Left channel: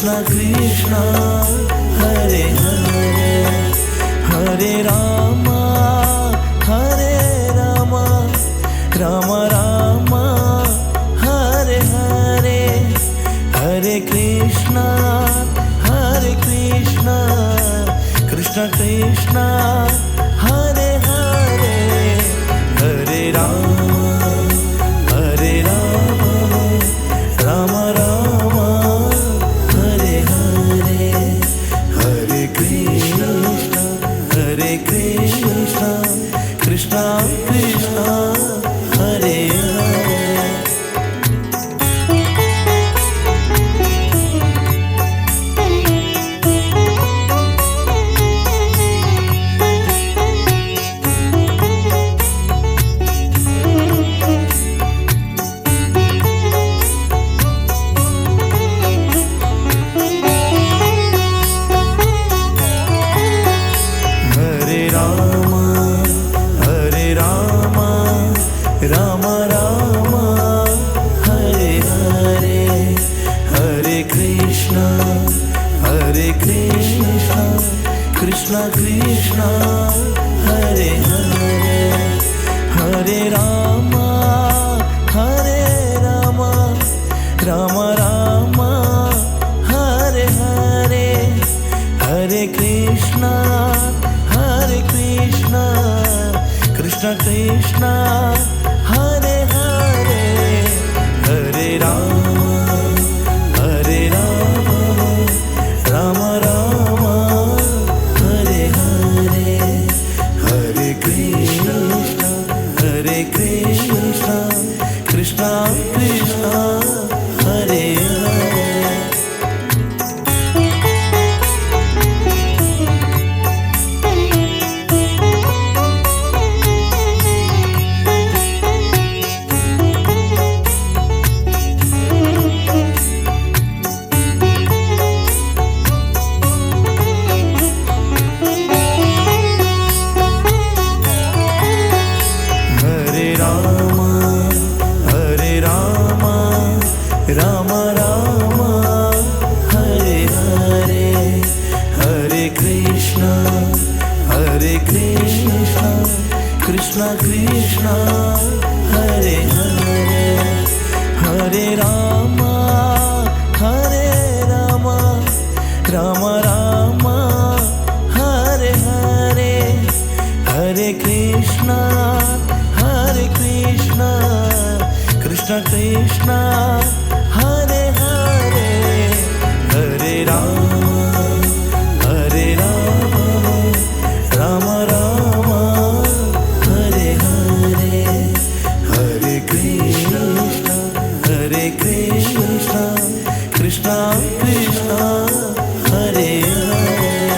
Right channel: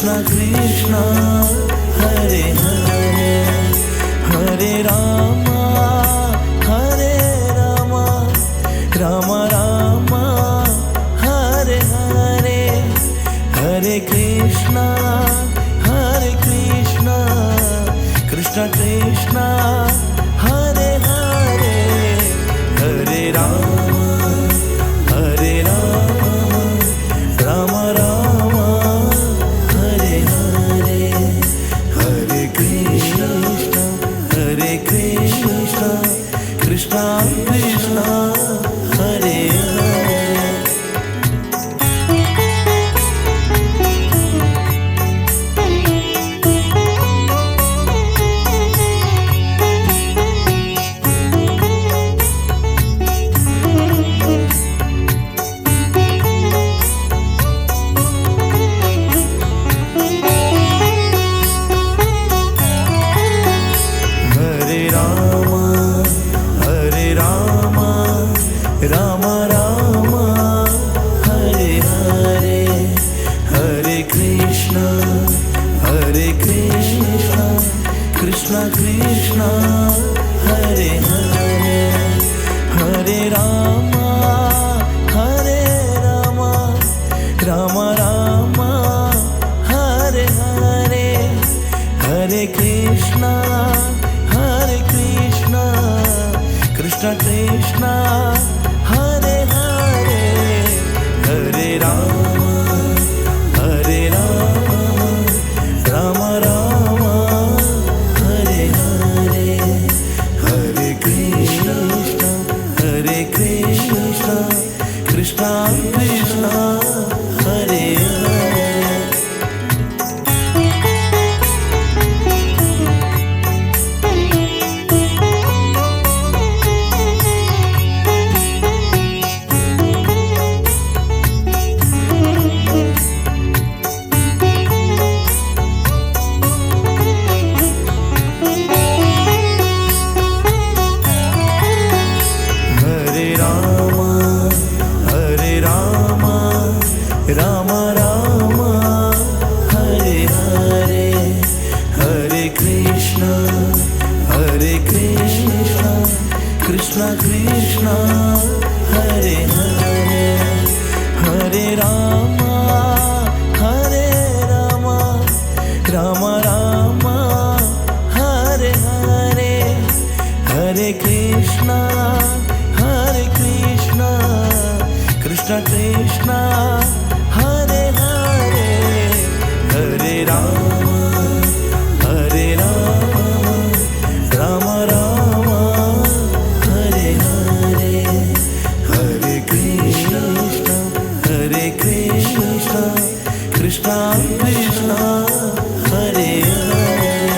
Krishna Krishna Hare Hare Hare Rama Hare Rama Rama Rama Hare Hare Hare Krishna Krishna Krishna Hare Hare Hare Rama Rama Rama Hare Hare Hare Krishna Krishna Krishna Hare Hare Rama Rama Hare Hare Hare Krishna Krishna Krishna Hare Hare Hare Rama Rama Rama Hare Hare Hare Krishna Krishna Krishna Hare Hare Hare Rama Rama Rama Hare Hare Hare Krishna Krishna Krishna Hare Hare Rama Rama Hare Hare Hare Krishna Krishna Krishna Hare Hare Hare Rama Rama Rama Hare Hare Hare Krishna Krishna Krishna Hare Hare Hare Rama Rama Rama Hare Hare Hare Krishna Krishna Krishna Hare Hare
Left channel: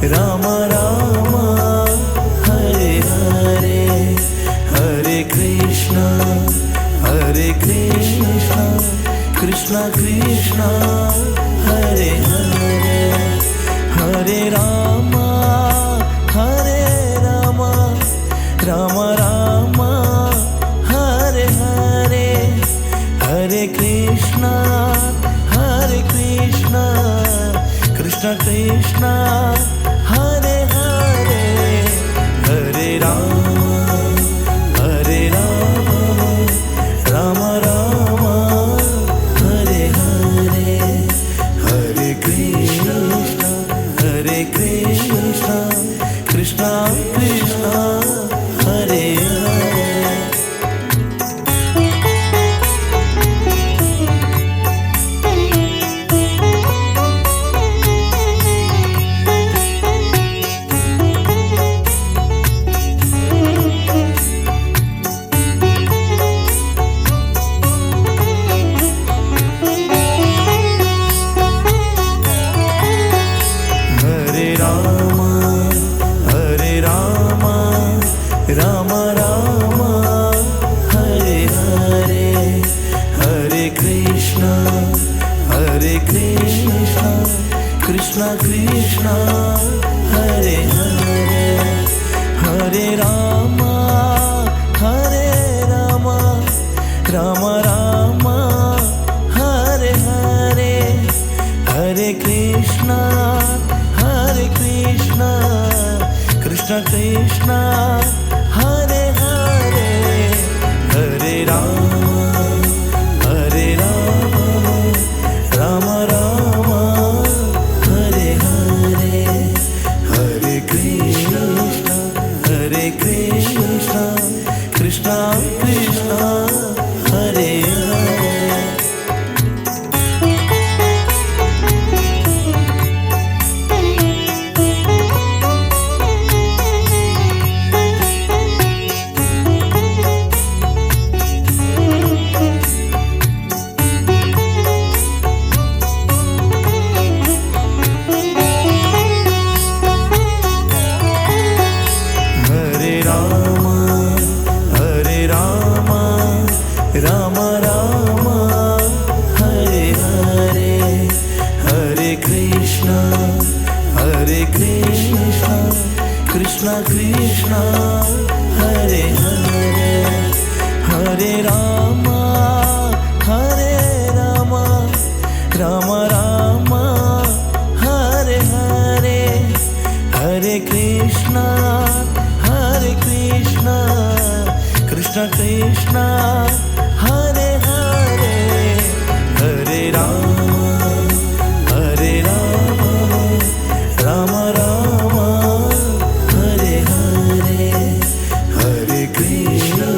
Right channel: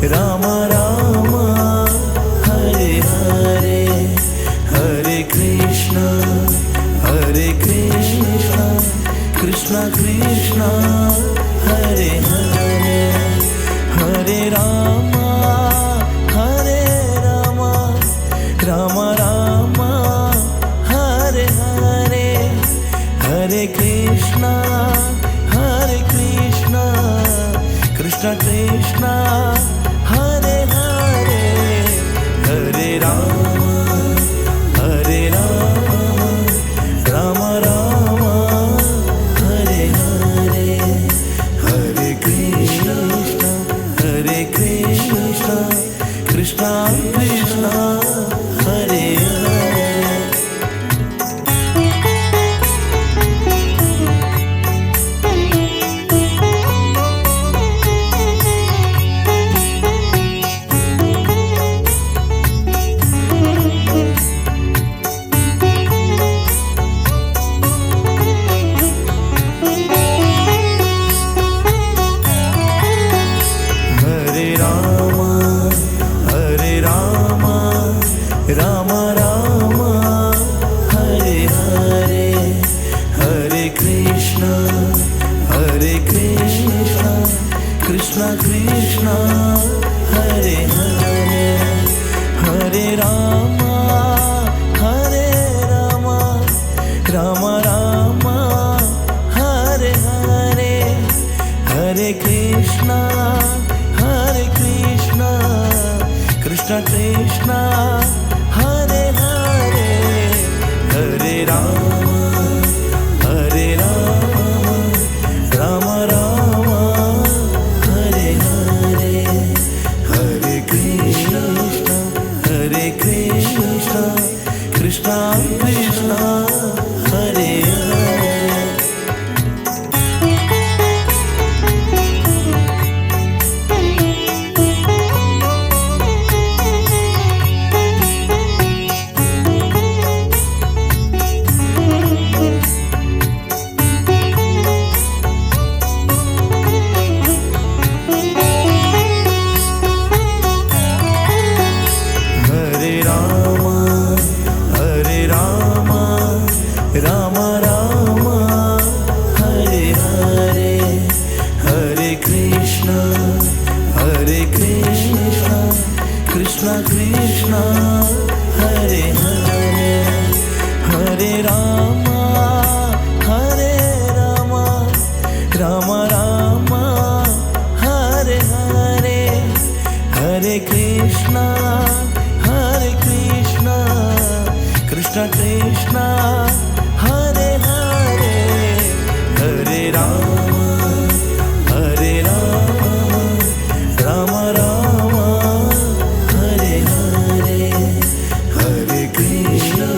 Rama Rama Hare Hare Hare Krishna Krishna Krishna Hare Hare Hare Rama Rama Rama Hare Hare Hare Krishna Krishna Krishna Hare Hare Hare Rama Rama Rama Hare Hare Hare Krishna Krishna Krishna Hare Hare Hare Hare Krishna Krishna Krishna Hare Hare Hare Rama Ram Ram Hare Hare Hare Krishna Krishna Krishna Hare Hare Hare Ram Ram Ram Hare Hare Hare Krishna Krishna Krishna Hare Hare Ram Ram Hare Hare Hare Krishna Krishna Krishna Hare Hare Hare Ram Ram Ram Hare Hare Hare Krishna Krishna Krishna Hare Hare Hare Ram Ram Ram Hare Hare Hare Krishna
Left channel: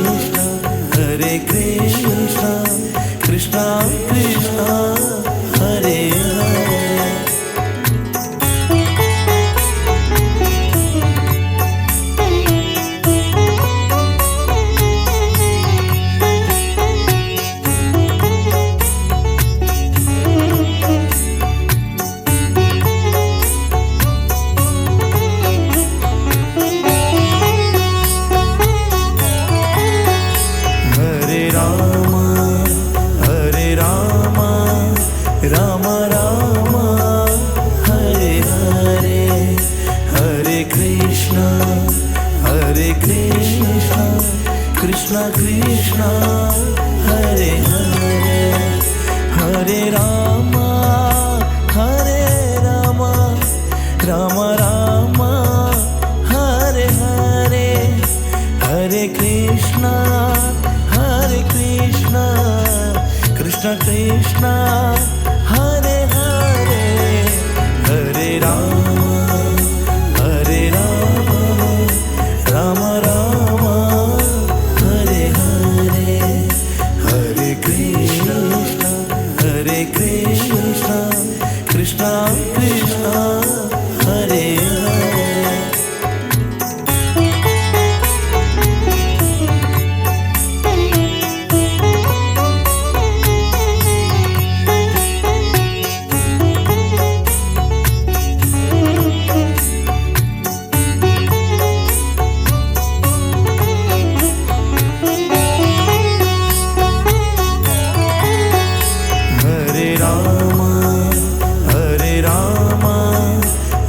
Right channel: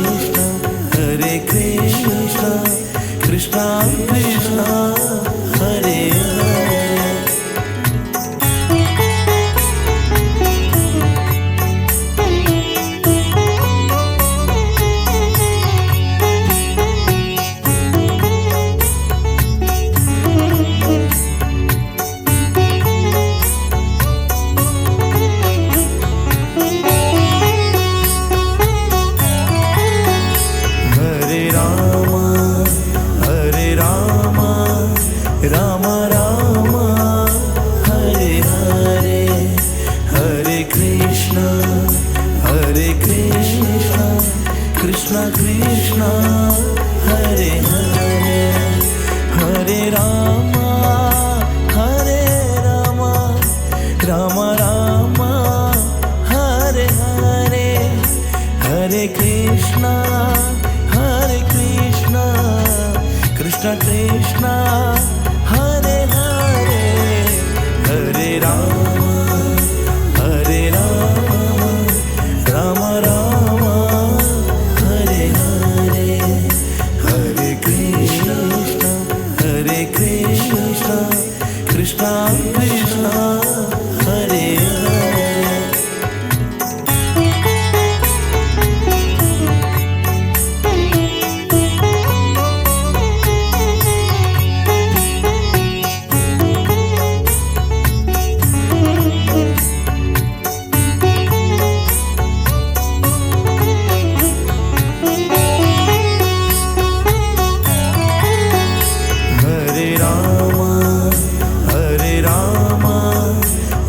Krishna Krishna Hare Hare Ram Ram Hare Hare Hare Krishna Krishna Krishna Hare Hare Hare Ram Ram Ram Hare Hare Hare Krishna Krishna Krishna Hare Hare Hare Ram Ram Ram Hare Hare Hare Krishna Krishna Krishna Hare Hare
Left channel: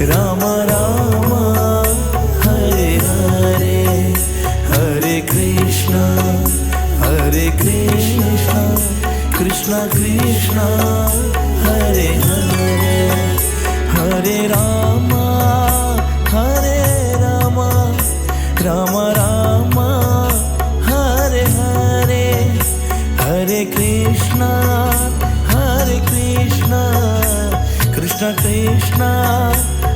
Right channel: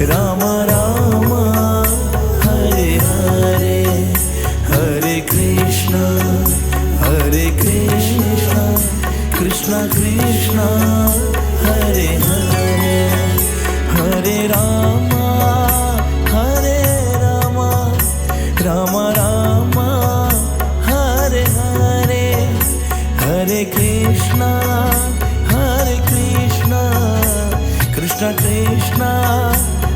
Ram Ram Hare Hare Hare Krishna Krishna Krishna Hare Hare Hare Ram Ram Ram Hare Hare Hare Krishna Krishna Krishna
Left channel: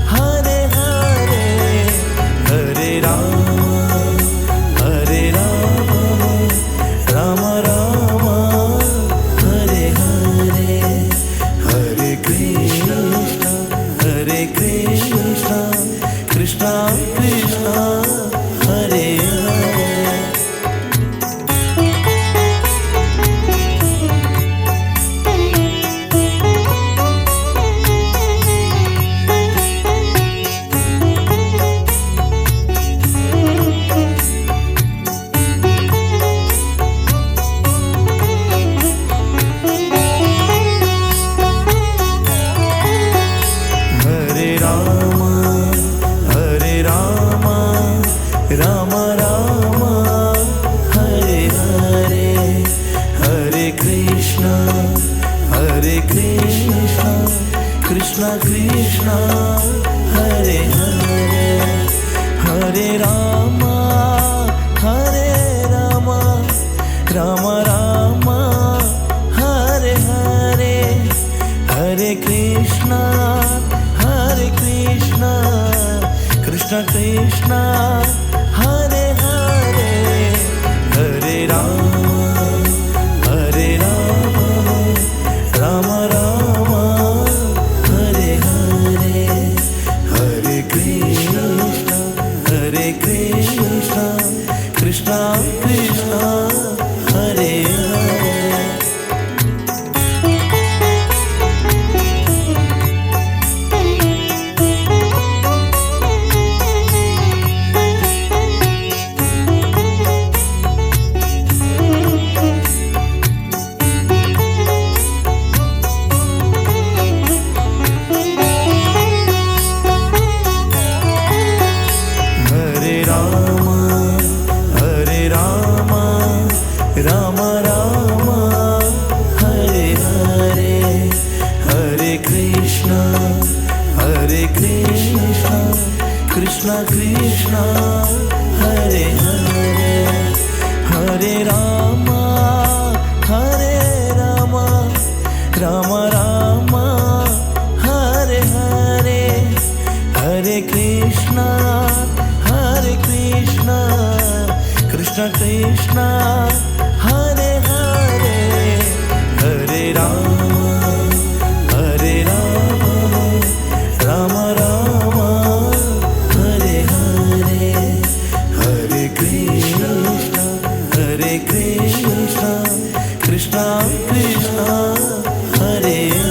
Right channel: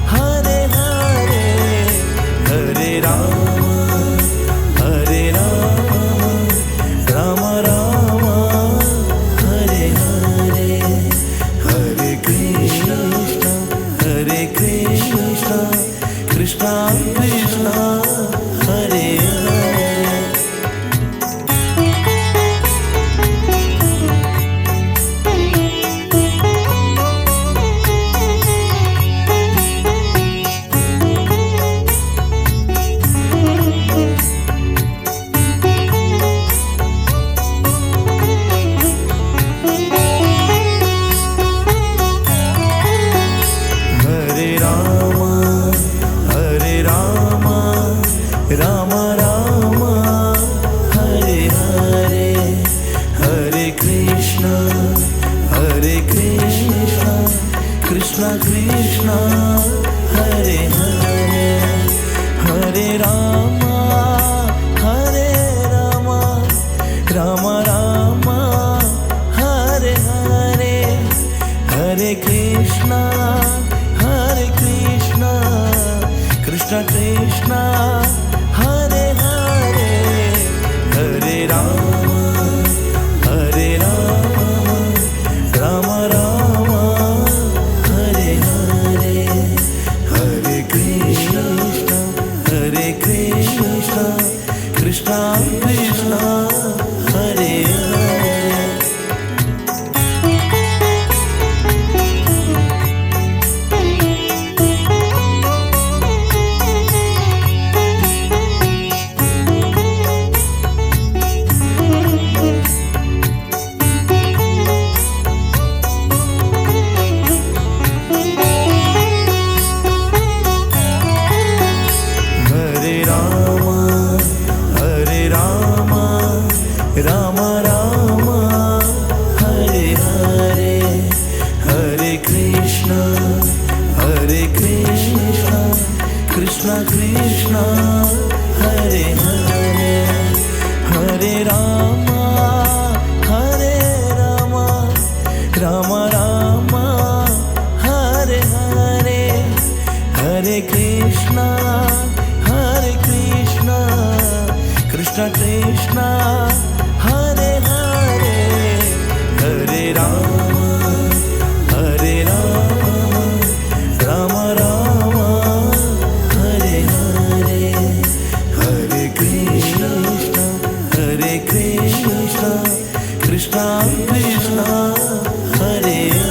Hare Hare Hare Ram Ram Ram Hare Hare Hare Krishna Krishna Krishna Hare Hare Hare Krishna, Krishna Krishna, Hare Hare, Hare Rama, Hare Rama, Rama Rama, Hare Hare, Hare Krishna, Krishna Krishna, Hare Hare, Hare Rama, Hare Rama, Rama Rama, Hare Hare, Hare Krishna, Krishna Krishna, Hare Hare. Rama Rama, Hare Hare, Hare Krishna, Krishna Krishna, Hare Hare, Hare Rama, Rama Rama, Hare Hare, Hare Krishna, Krishna Krishna, Hare Hare, Hare Rama, Rama Rama, Hare Hare, Hare Krishna, Krishna Krishna, Hare Hare.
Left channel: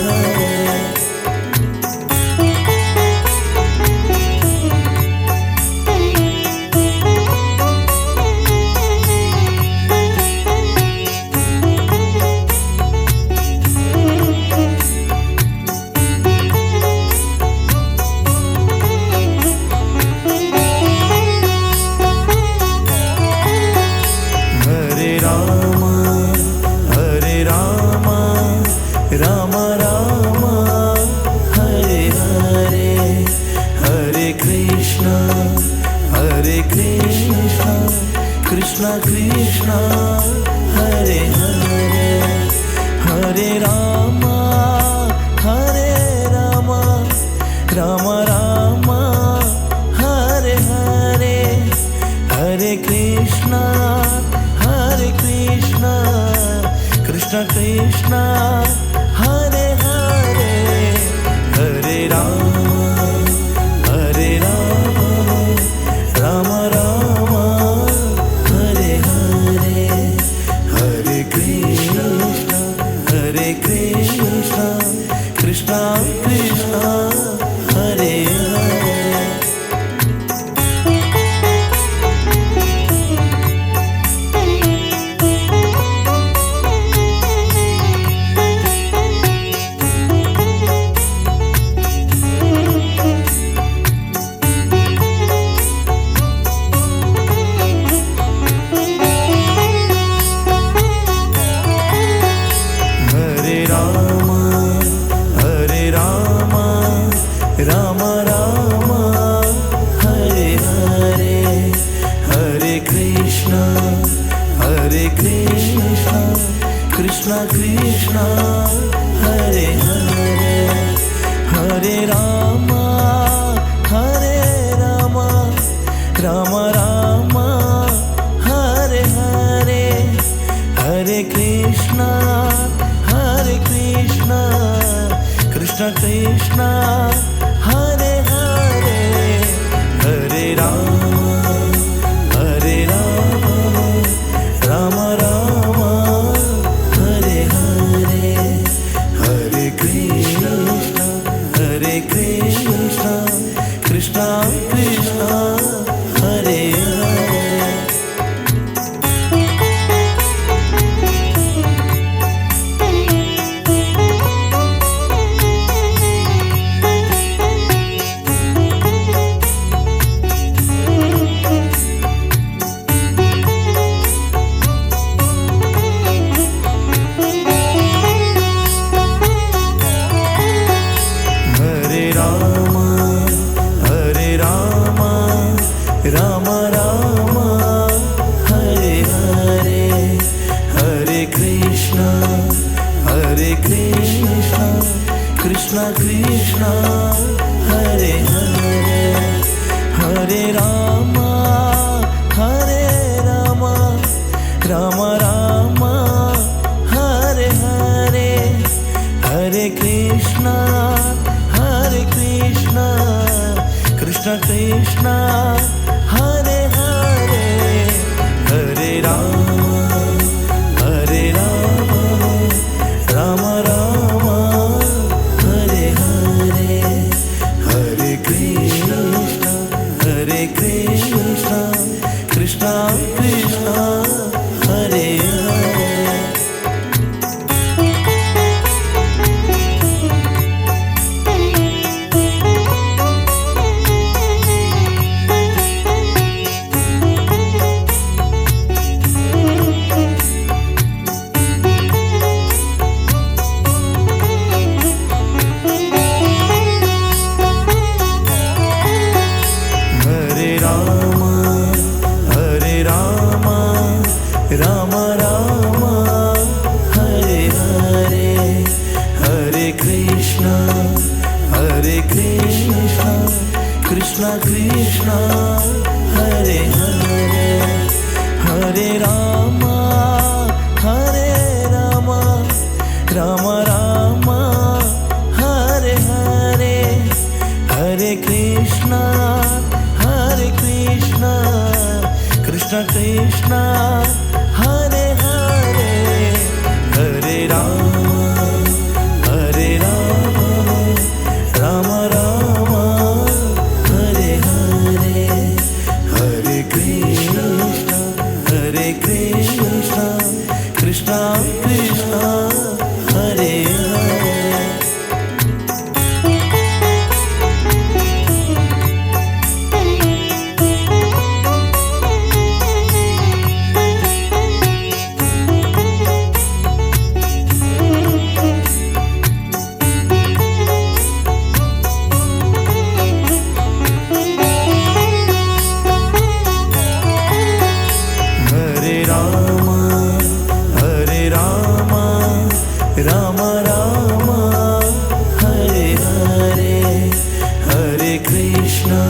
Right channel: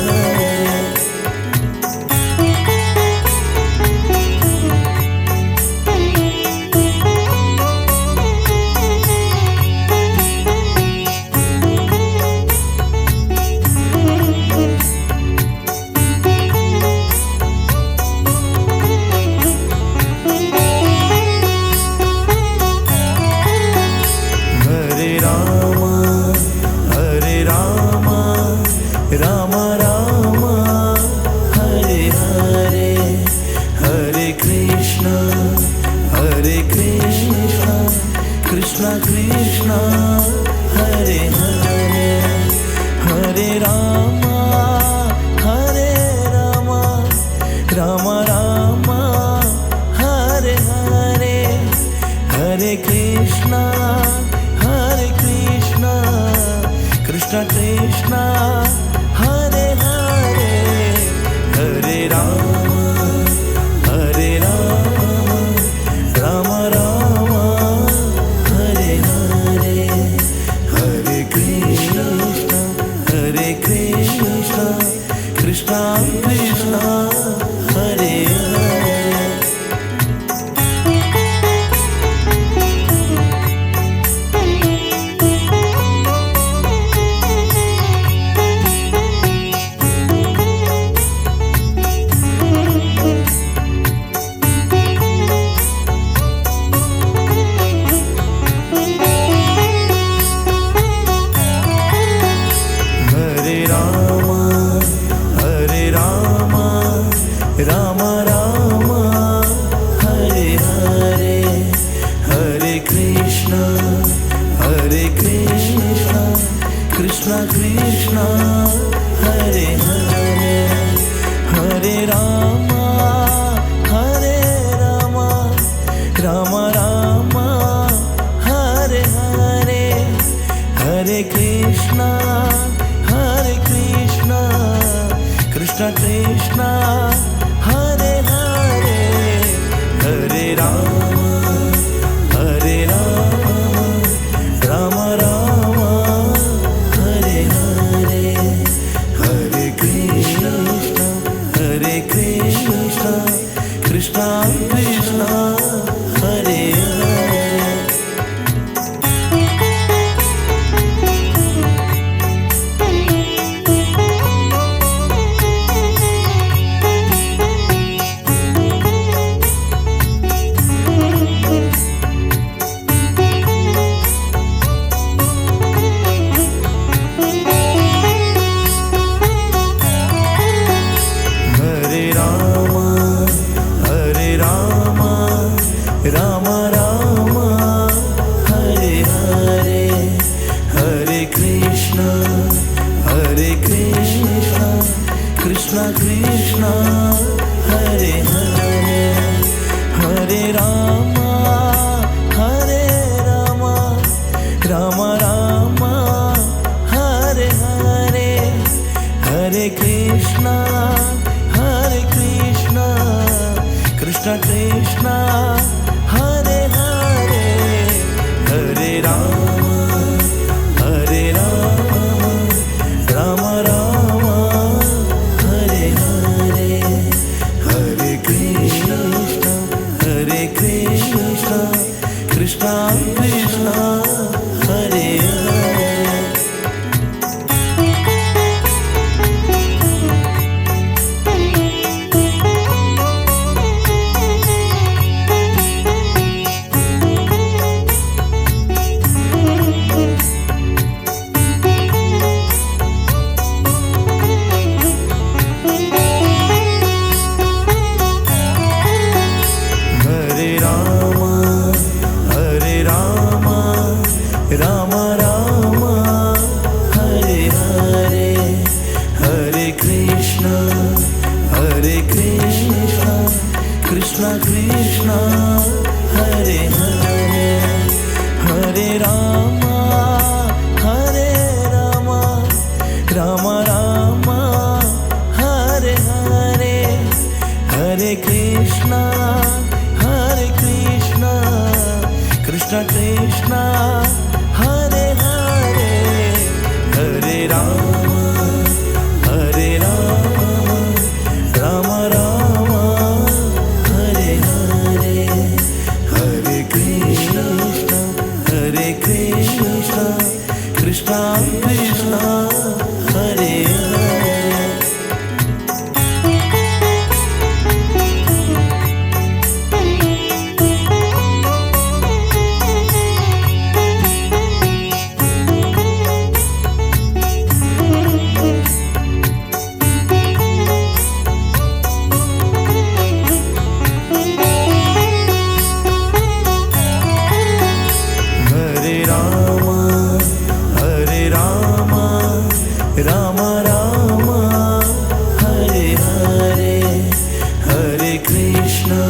Rama Rama, Hare Hare, Hare Krishna, Krishna Krishna, Hare Hare, Hare Rama, Rama Rama, Hare Hare, Hare Krishna, Krishna Krishna, Hare Hare, Hare Rama, Rama Rama, Hare Hare, Hare Krishna, Krishna Krishna, Hare Hare. Rama Rama, Hare Hare, Hare Krishna, Krishna Krishna, Hare Hare, Hare Rama, Rama Rama, Hare Hare, Hare Krishna, Krishna Krishna, Hare Hare, Hare Rama, Rama Rama, Hare Hare, Hare Krishna, Krishna Krishna, Hare Hare. Krishna, Hare Krishna, Krishna Krishna, Hare Hare, Hare Rama, Hare Rama, Rama Rama, Hare Hare, Hare Krishna, Krishna Krishna, Hare Hare, Hare Rama, Hare Rama, Rama Rama, Hare Hare, Hare Krishna, Krishna Krishna, Hare Hare. Rama Rama, Hare Hare, Hare Krishna, Krishna Krishna, Hare Hare, Hare Rama, Rama Rama, Hare Hare, Hare Krishna, Krishna Krishna, Hare Hare, Hare Rama, Rama Rama, Hare Hare, Hare Krishna, Krishna Krishna, Hare Hare. Rama Rama, Hare Hare, Hare Krishna,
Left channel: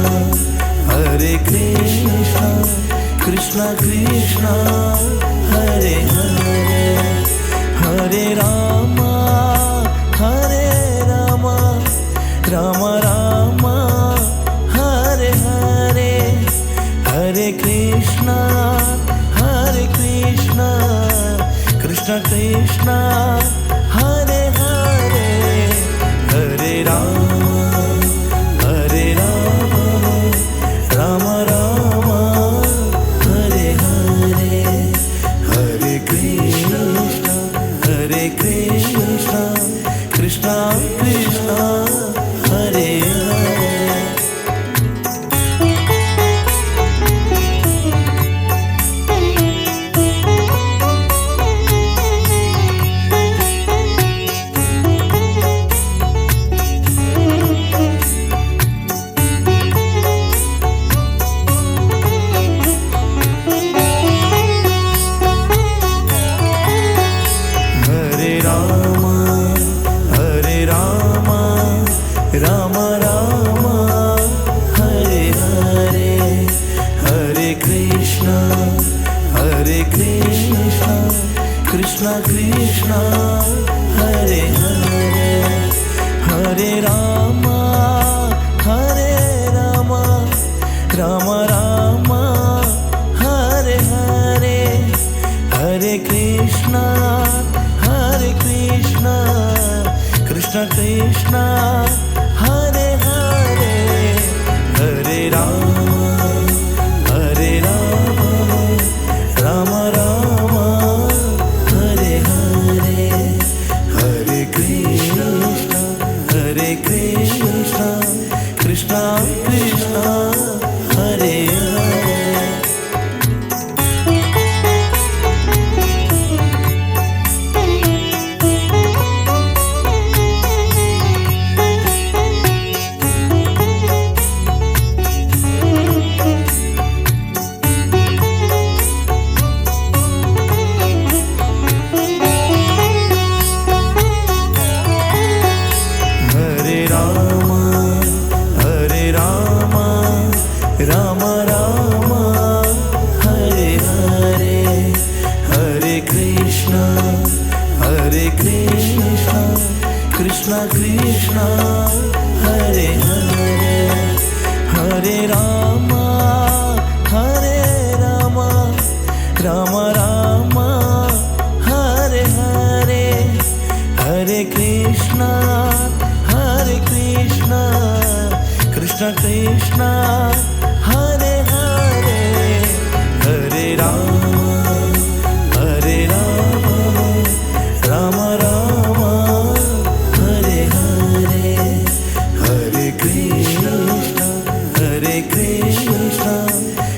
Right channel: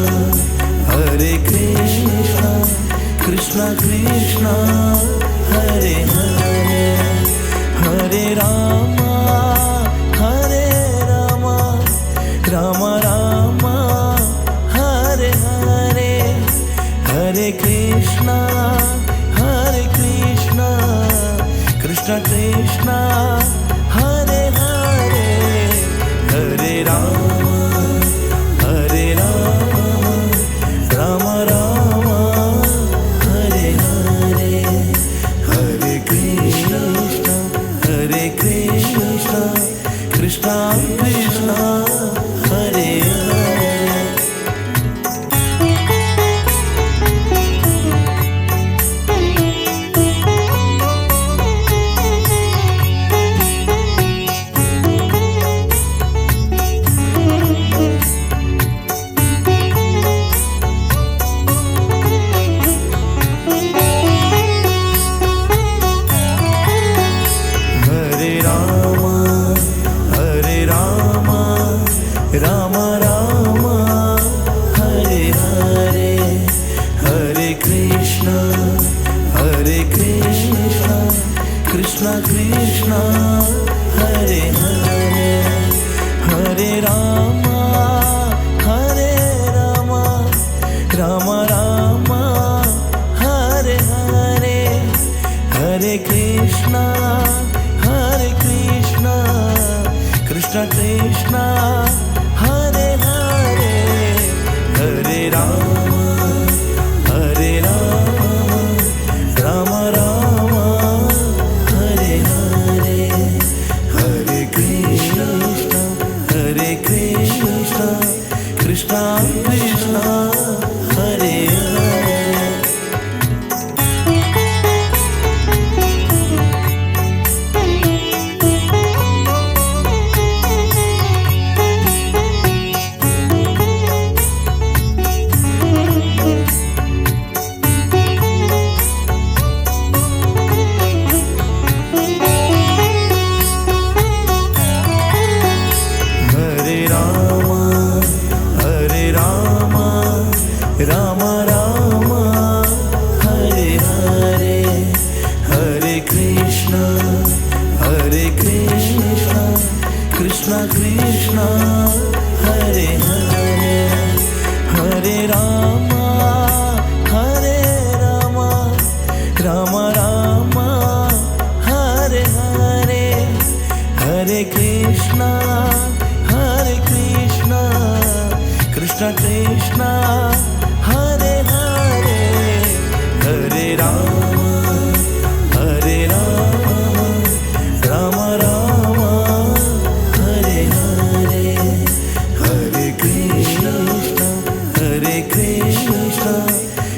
Krishna Krishna, Hare Hare, Hare Rama, Rama Rama, Hare Hare, Hare Krishna, Krishna Krishna, Hare Hare, Hare Rama, Rama Rama, Hare Hare, Hare Krishna, Krishna Krishna, Hare Hare. Rama Rama, Hare Hare, Hare Krishna, Krishna Krishna, Hare Hare, Hare Rama, Rama Rama, Hare Hare, Hare Krishna, Krishna Krishna, Hare Hare, Hare Rama, Rama Rama, Hare Hare, Hare Krishna, Krishna Krishna, Hare Hare. Hare Krishna, Krishna Krishna, Hare Hare, Hare Rama, Hare Rama, Rama Rama, Hare Hare, Hare Krishna, Krishna Krishna, Hare Hare, Hare Rama, Hare Rama, Rama Rama, Hare Hare, Hare Krishna,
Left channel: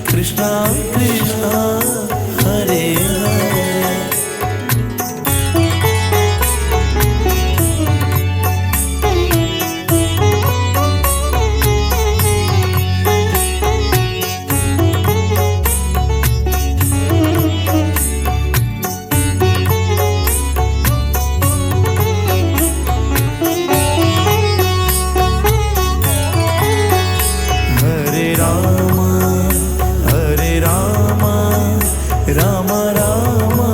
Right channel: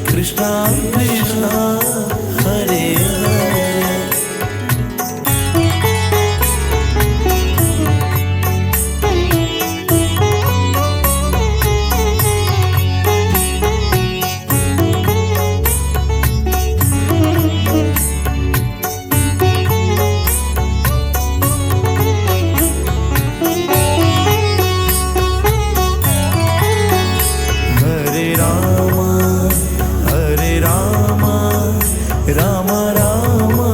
Krishna Krishna, Hare Hare. Hare Rama, Hare Rama, Rama Rama,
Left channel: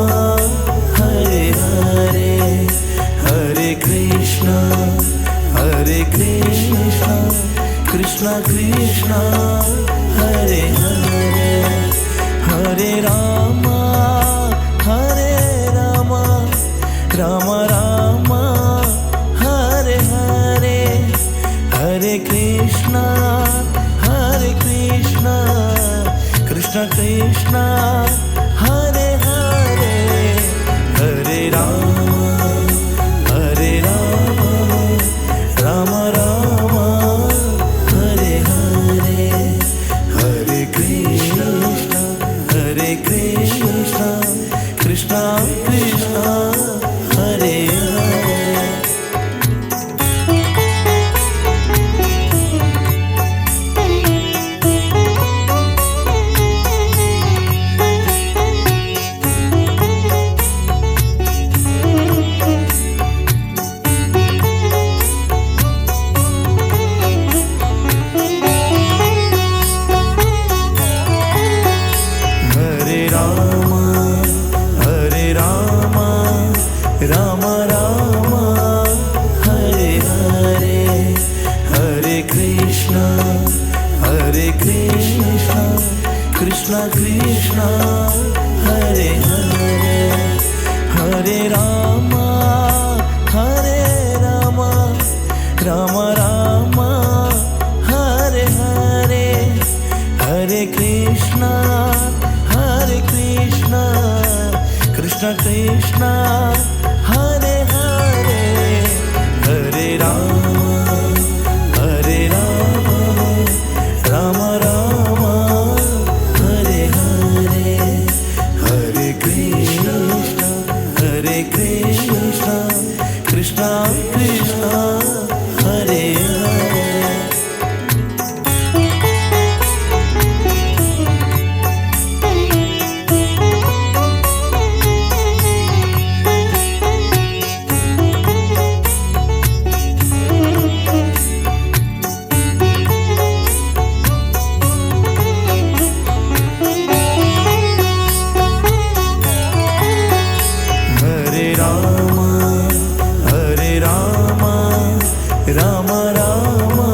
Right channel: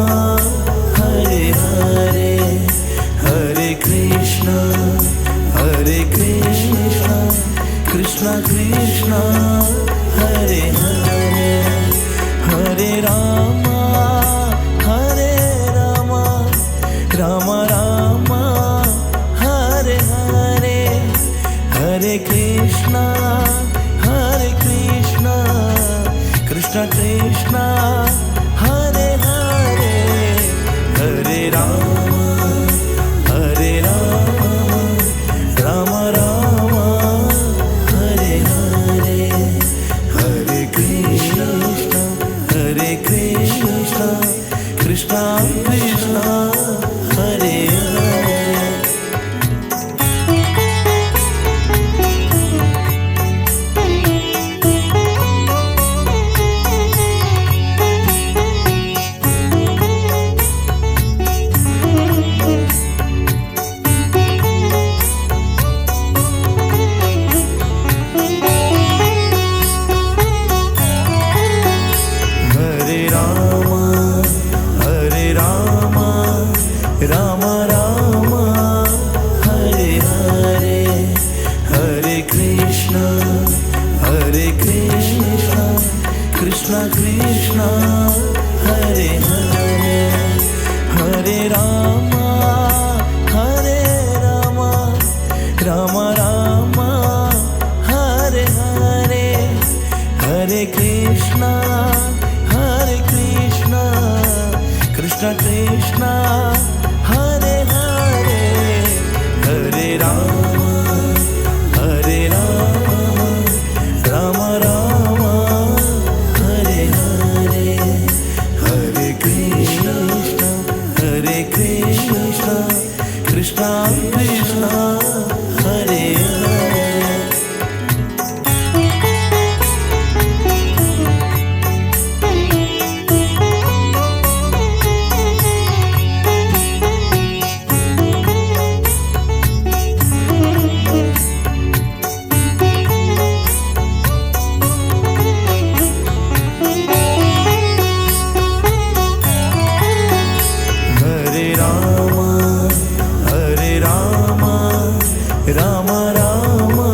Hare Hare, Hare Krishna, Krishna Krishna, Hare Hare, Hare Rama, Hare Rama, Rama Rama, Hare Hare, Hare Krishna, Krishna Krishna, Hare Hare, Hare Rama, Hare Rama, Rama Rama, Hare Hare, Hare Krishna, Krishna Krishna, Hare Hare. Hare Rama, Hare Rama, Rama Rama, Hare Hare, Hare Krishna, Krishna Krishna, Hare Hare, Hare Rama, Hare Rama, Rama Rama, Hare Hare, Hare Krishna, Krishna Krishna, Hare Hare, Hare Rama, Hare Rama, Rama Rama, Hare Hare, Hare Krishna, Krishna Krishna, Hare Hare. Hare Rama, Hare Rama, Rama Rama,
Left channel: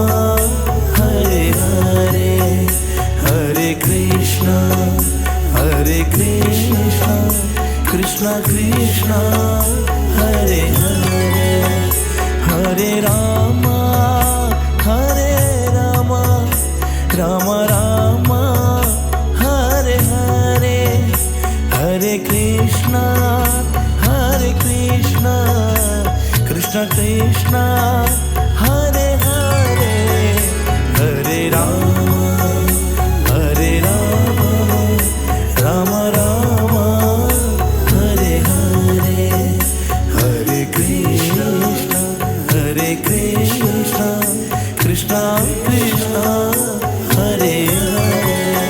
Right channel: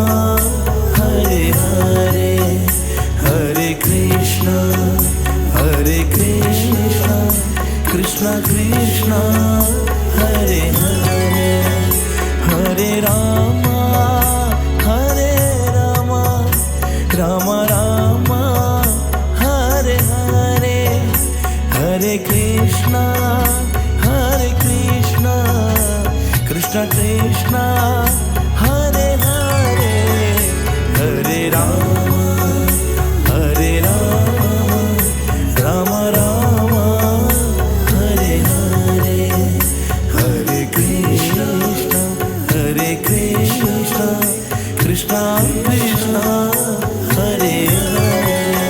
Hare Hare, Hare Krishna, Krishna Krishna, Hare Hare, Hare Rama, Hare Rama, Rama Rama, Hare Hare, Hare Krishna, Krishna Krishna, Hare Hare, Hare Rama, Hare Rama, Rama Rama, Hare Hare, Hare Krishna, Krishna Krishna, Hare Hare.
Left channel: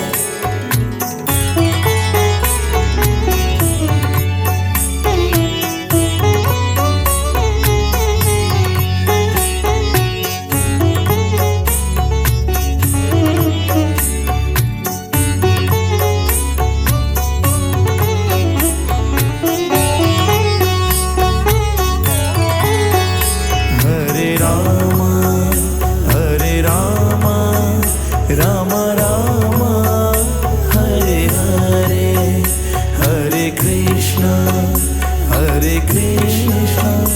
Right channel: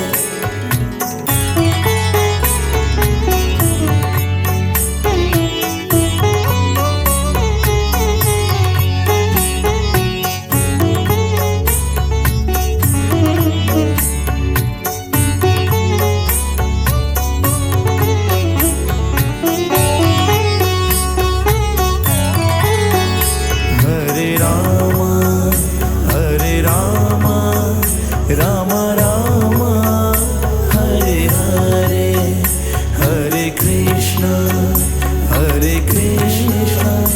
Krishna,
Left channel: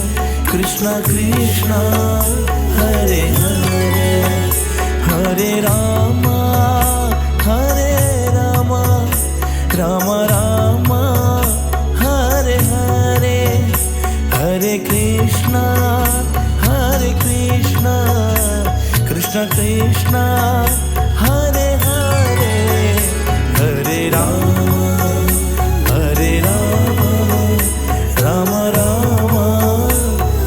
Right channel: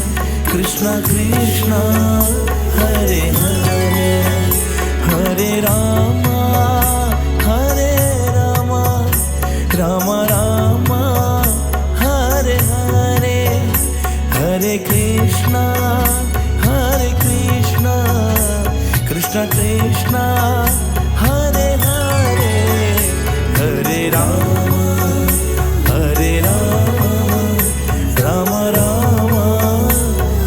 Krishna Krishna, Hare Hare, Hare Rama, Hare Rama, Rama Rama, Hare Hare, Hare Krishna, Krishna Krishna, Hare Hare, Hare Rama, Hare Rama, Rama Rama,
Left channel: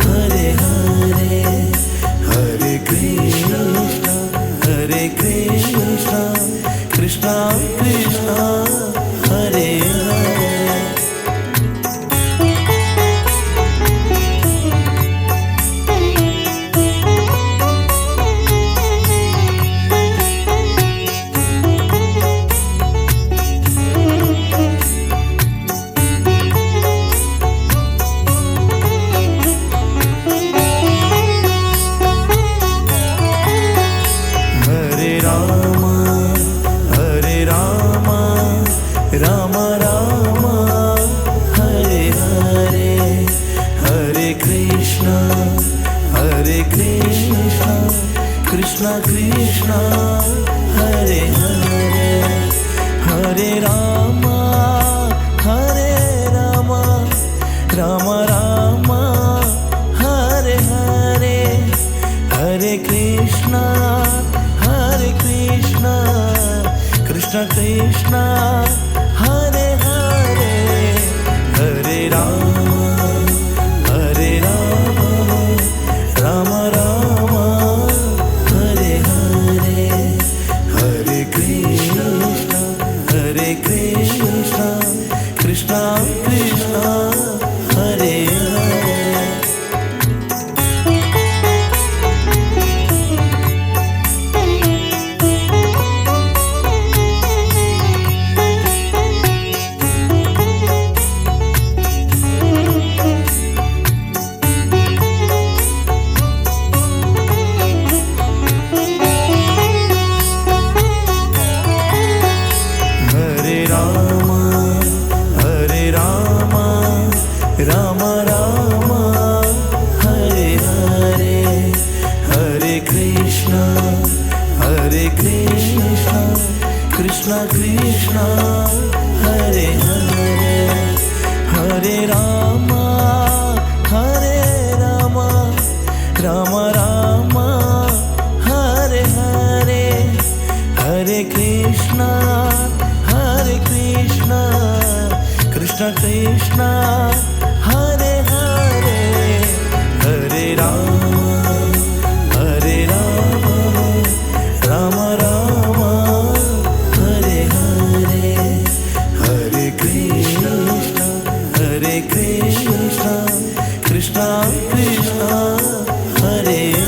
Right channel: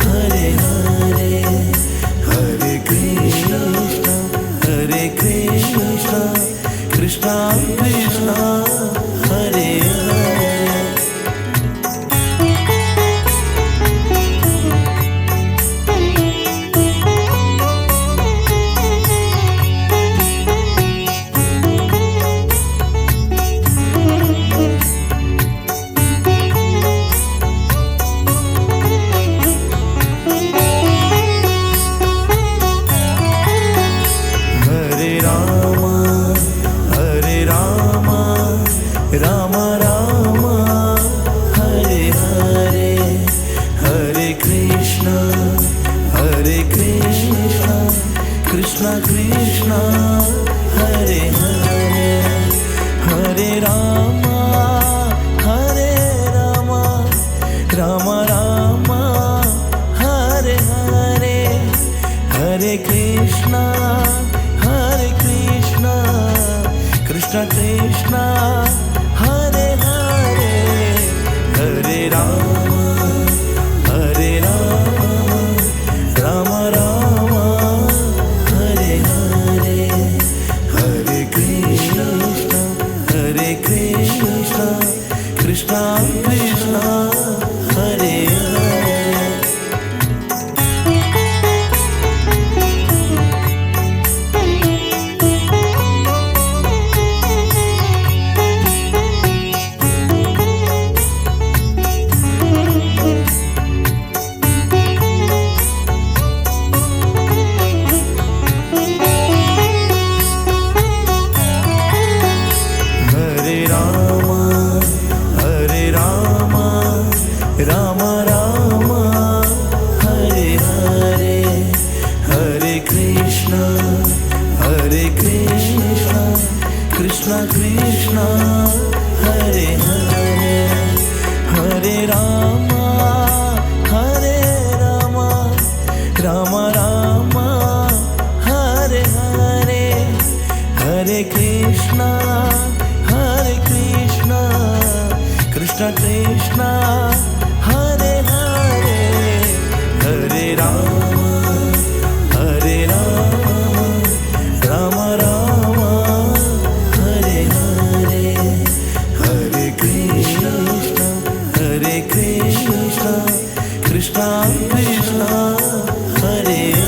Hare Hare, Hare Krishna, Krishna Krishna, Hare Hare. Rama Rama, Hare Hare, Hare Krishna, Krishna Krishna, Hare Hare, Hare Rama, Rama Rama, Hare Hare, Hare Krishna, Krishna Krishna, Hare Hare, Hare Rama, Rama Rama, Hare Hare, Hare Krishna, Krishna Krishna, Hare Hare. Rama Rama, Hare Hare, Hare Krishna, Krishna Krishna, Hare Hare, Hare Rama, Rama Rama, Hare Hare, Hare Krishna, Krishna Krishna, Hare Hare, Hare Rama, Rama Rama, Hare Hare, Hare Krishna, Krishna Krishna, Hare Hare.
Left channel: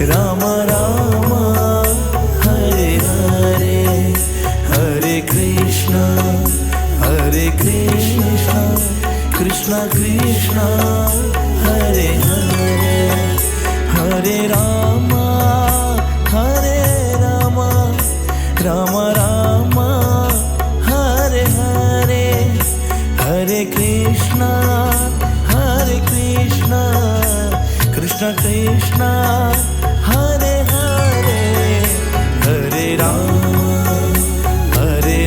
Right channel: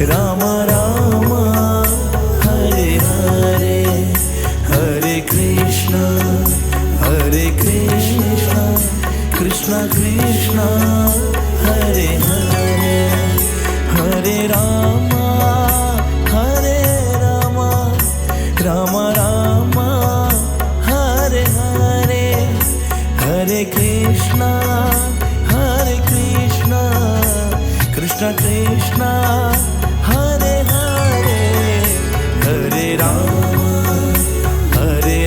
Rama Rama, Hare Hare, Hare Krishna, Krishna Krishna, Hare Hare, Hare Rama, Rama Rama, Hare Hare, Hare Krishna, Krishna Krishna, Hare Hare, Hare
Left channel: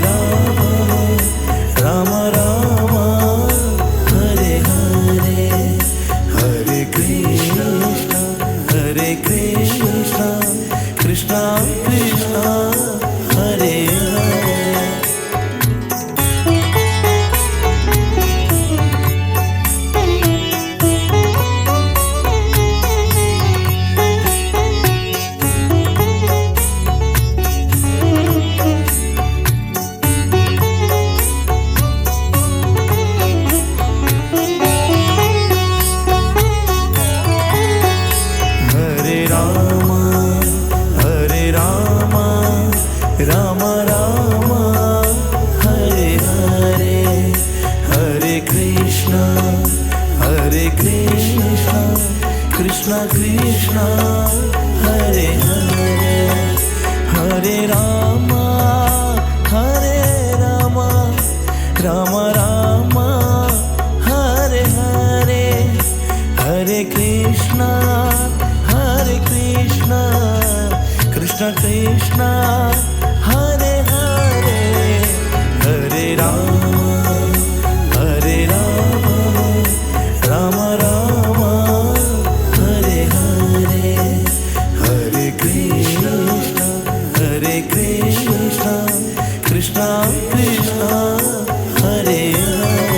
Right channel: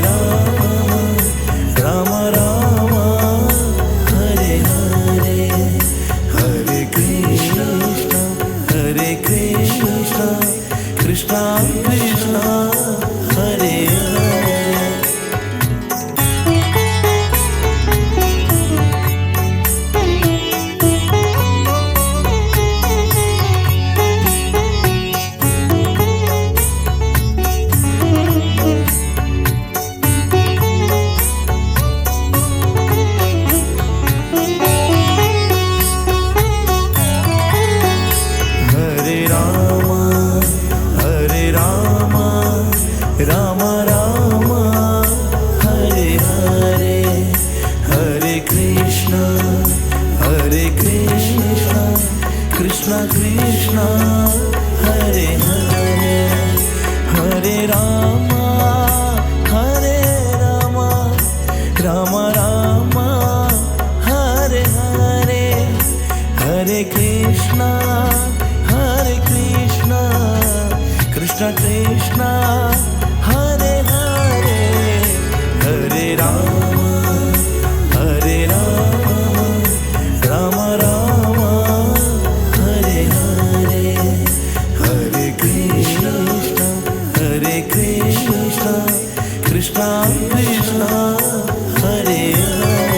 Rama, Rama Rama, Hare Hare, Hare Krishna, Krishna Krishna, Hare Hare. Ram Ram Hare Hare, Hare Krishna Krishna Krishna Hare Hare, Hare Ram Ram Ram Hare Hare, Hare Krishna Krishna Krishna Hare Hare, Hare Ram Ram Ram Hare Hare, Hare Krishna Krishna Krishna Hare Hare.